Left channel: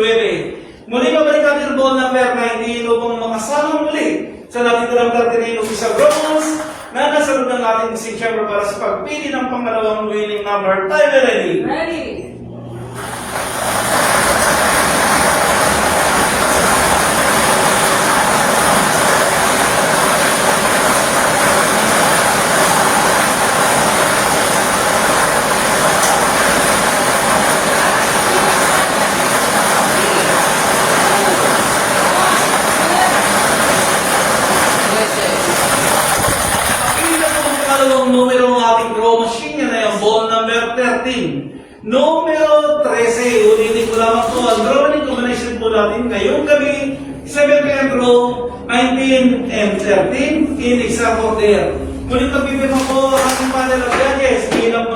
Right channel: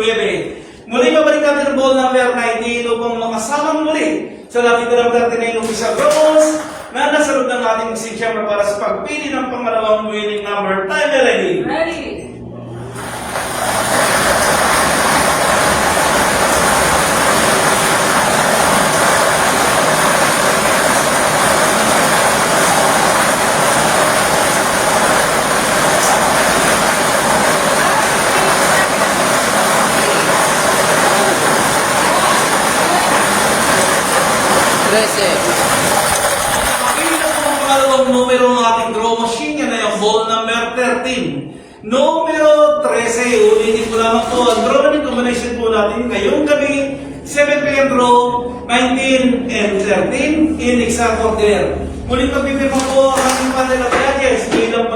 Muli mabalik natin ang ball number 19 upang makasama muli sa napiturang 39 official goals na nasa loob ng ating machine chamber para sa pagpili ng pangalawang winning number. Time ready? Ready. Numero ng ating draw machine, yan ay ang ball number 13. Numero 13, ulitin ko lamang po, ang drawing combination po natin ngayong gabi, 7 p.m. draw, 19 and 13 in exact order. Muli ko pipirma po ang ating panel of judges, bilang